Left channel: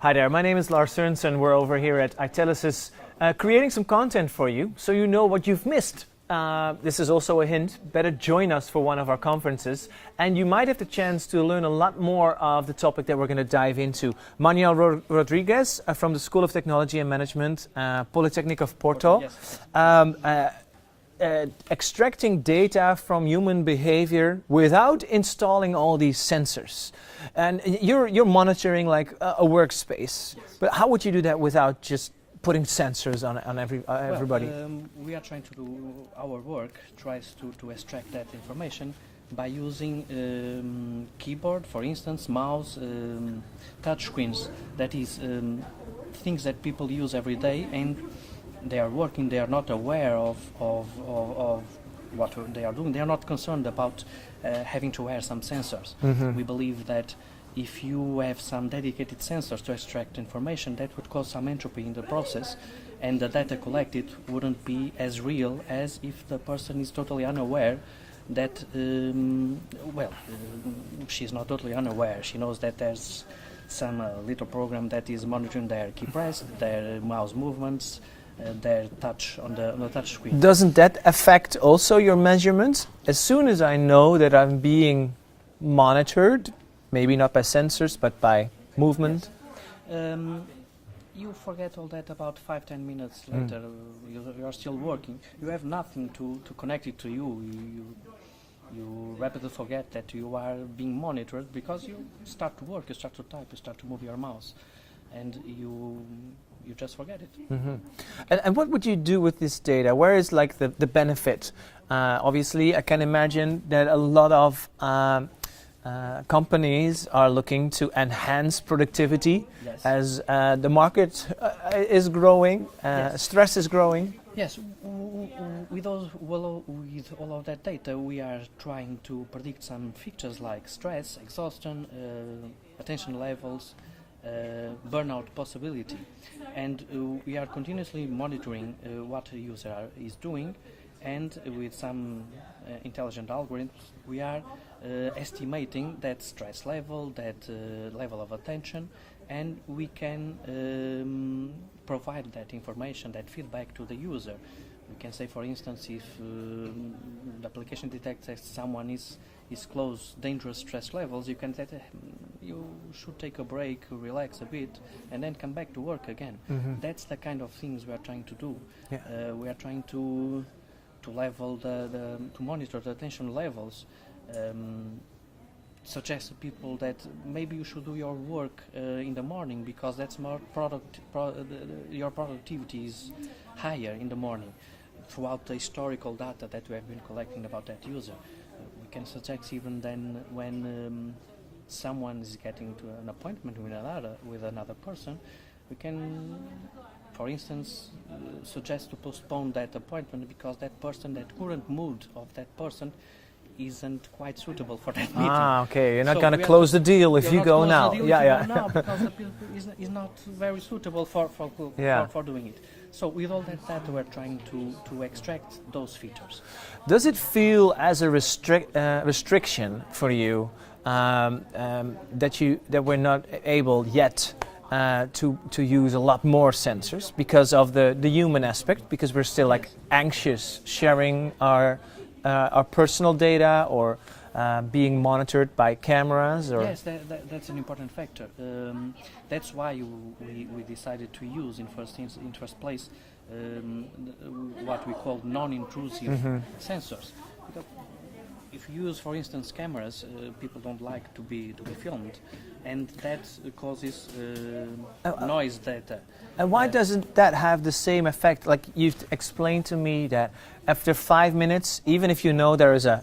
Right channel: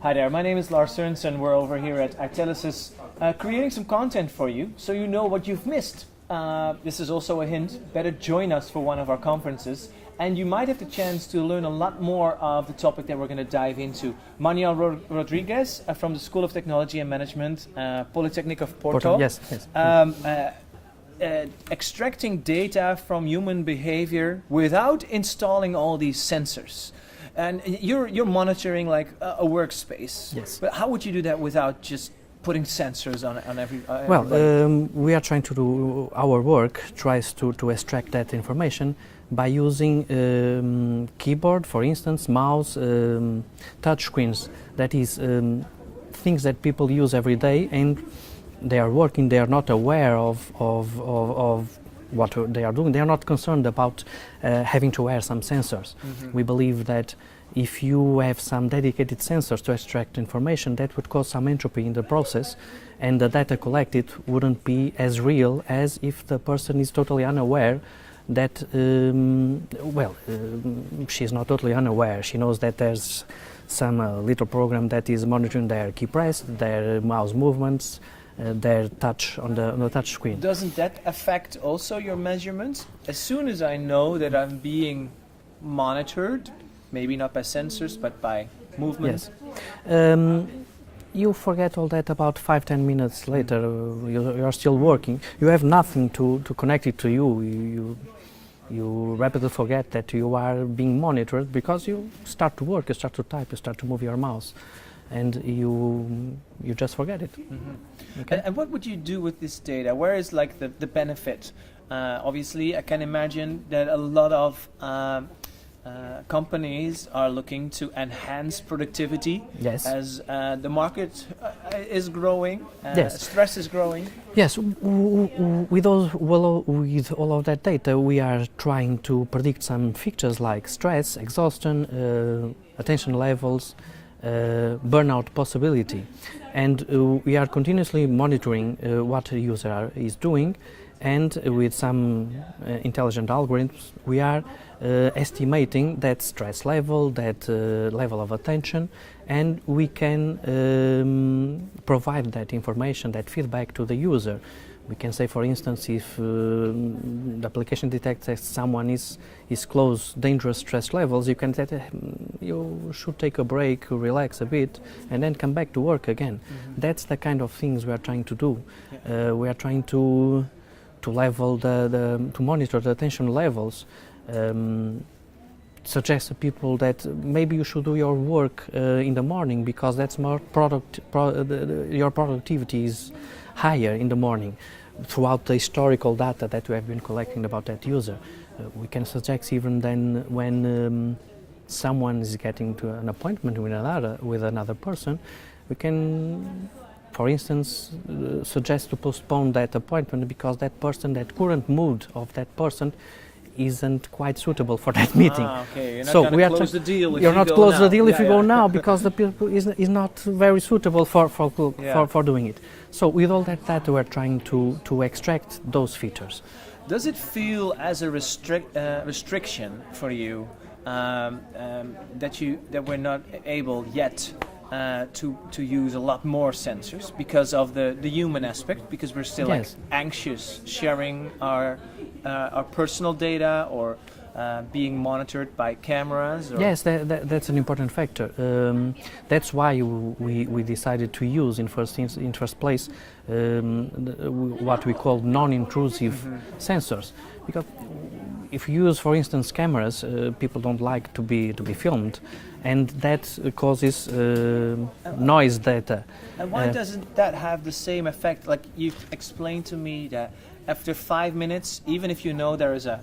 Hi there, my name is Lars Sørensen. We're over here at Itelisys creating some content for you so you know what you've missed. This is also a hint. Better join us for one of our conferences and you might have the chance to learn a lot more of the topic that we're going to dive into. Manuel Rodrigues from the School of Technology and Management, Polytechnic of Porto. Yes. Extracting data from human behavior without installing all these sensors. And you're monitoring like a workspace. Yes. But how would you do that without just putting sensors on everybody? We are trying to do our work, tries to extract that information by using keyboard, for instance, mouse, touch screens. That is things that people use every day, and they are working. They are not aware of what they are doing. They are not concerned about having to wear some sensors. Mm-hmm. We believe that if you have some dedicated sensors to extract information, that would cause some entropy in the process, and the data collected wouldn't be as real as if the person is totally unaware that, she's not totally unaware. She knows that there's some little program that is monitoring their key press, their mouse movements, their touch on the touch screen. Doesn't that affect also your measurements? As soon as I know that I'm being monitored, maybe not by sensors but by movement. Yes. You forget all that about 5-10 minutes later. You're still working. You have nothing to connect it to you. You rapidly forget that you are being monitored because you start to work, you start to type, you start to move your mouse, and you just forget it. Mm-hmm. Okay. And what would you do with this data? Where is like the benefit? Obviously, I can imagine that a lot of companies are looking to enhance productivity. Yes. As the market is growing, yes. Stress is growing. Yes, with all of that data, we are trying to predict some features like stress, exhaustion, attention levels, burnout possibility, and we are continuously monitoring what the user is doing, and with some intelligent algorithms, we are estimating that stress level, that level of attention, and we can provide that information, that feedback to the user. We can say, for instance, if the application detects that someone is close dangerous stress levels, you can say you should take a break, relax a bit, and then come back to work again. Mm-hmm. That's the kind of things we are trying to do. Yeah. We are trying to level to monitor the attention levels. Suggest to people that maybe you should do your work in the morning because that's more your productivity is higher in the morning. Throughout the historical data that we have been collecting about that user, we can suggest even then when someone is getting to an appointment with another person, we can, for instance, suggest to postpone that appointment because that current mood of that person isn't quite suitable for that meeting. Okay. You're not going to close the deal if you go now. You're not close the deal if you go now because the people is not very suitable for doing it. So with all that data, we're trying to extract those features. Does it feel as a restriction for you that we're not able yet to use a lot more sensors because of the human aspect? Because we're still like anxious sharing our personal data or being monitored by cameras? Or? Yes, that's an important factor. That's why we decided to use in first place what we call non-intrusive sensors. Because if you use, for instance, cameras, people don't like to be filmed, and that causes noise data. And why doesn't that have the same effect? Like you've explained to me that after 5 minutes, even if you know there is a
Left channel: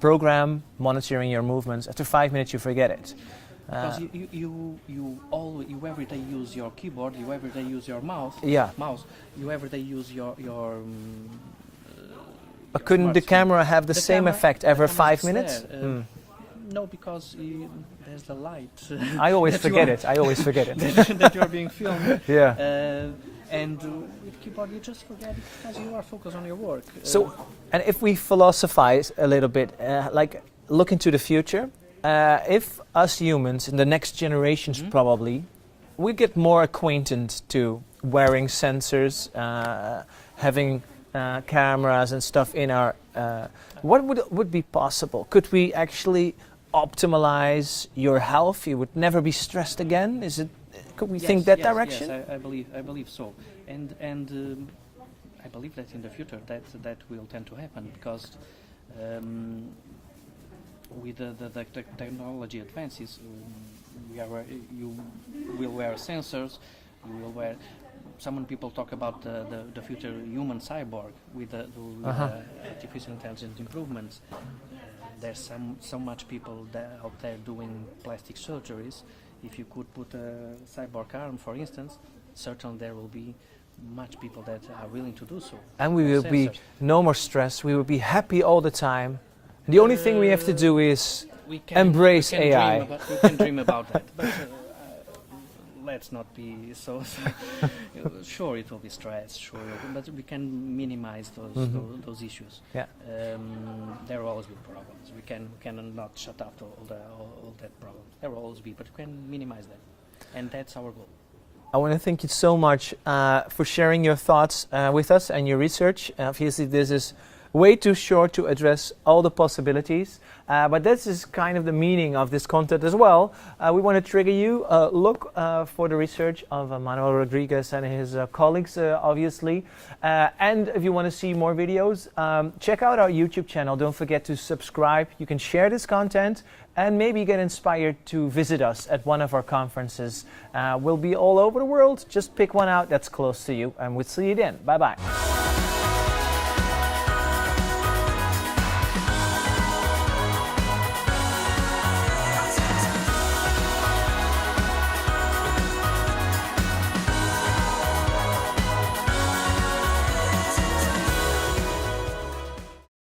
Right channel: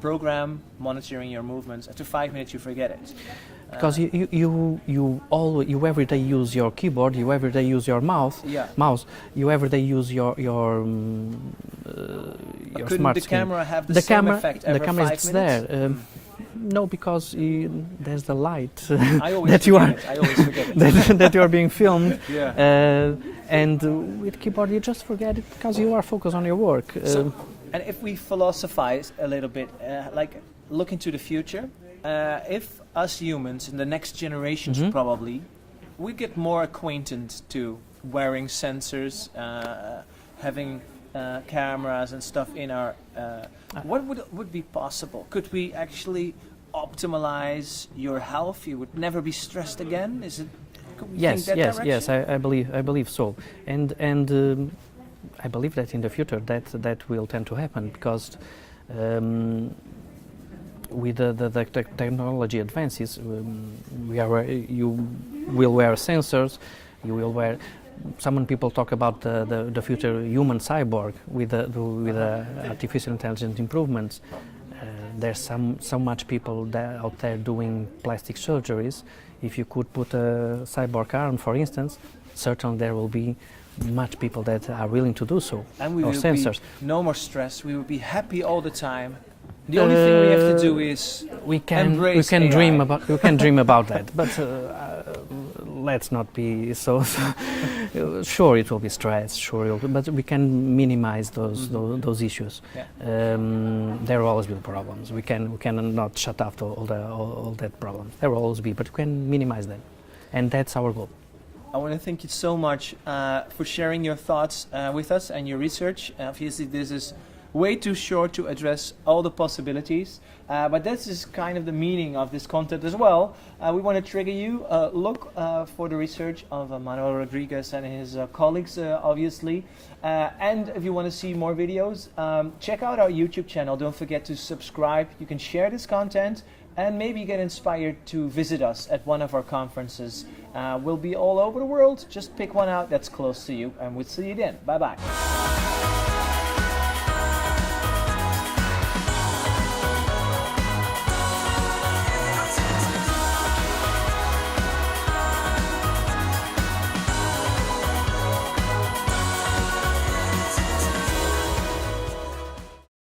program monitoring your movements, after 5 minutes you forget it. Because you every day use your keyboard, you every day use your mouse, you every day use your but couldn't the camera have the same effect every 5 minutes? No, because there's the light. I always forget it. I always forget it. that you are being filmed. Yeah. And with keyboard, you just forget it because you are focused on your work. So, and if we philosophize a little bit, like look into the future, if us humans in the next generations probably we get more acquainted to wearing sensors, having cameras and stuff in our. What would be possible? Could we actually optimize your health? You would never be stressed again. Is it? Could we think that direction? Yes, I believe so, and I believe that in the future that will tend to happen because with the technology advances, you will wear sensors, you will wear. Some people talk about the future human cyborg with the artificial intelligence improvements. There's so much people out there doing plastic surgeries. If you could put a cyborg arm, for instance, certainly there will be much people that are willing to do so. And we will be no more stress. We will be happy all the time. The only thing we have to do is embrace AI. We can dream about that, but let's not be so. Sure, it will be stress. Sure, but we can minimize those issues. Yeah. There will always be problems. We cannot shut off all that problems. There will always be, but we can minimize them, and that's our goal. I want to thank you so much for sharing your thoughts with us and your research. Obviously, this is way too short to address all the possibilities, but this is kind of the meaning of this content as well. We want to trigger you. Look for the research of Manuel Rodrigues and his colleagues, obviously. And if you want to see more videos, check out our YouTube channel. Don't forget to subscribe. You can share this content and maybe get inspired to visit us at one of our conferences. We'll be all over the world. Just pick one out that's close to you, and we'll see you then. Bye-bye.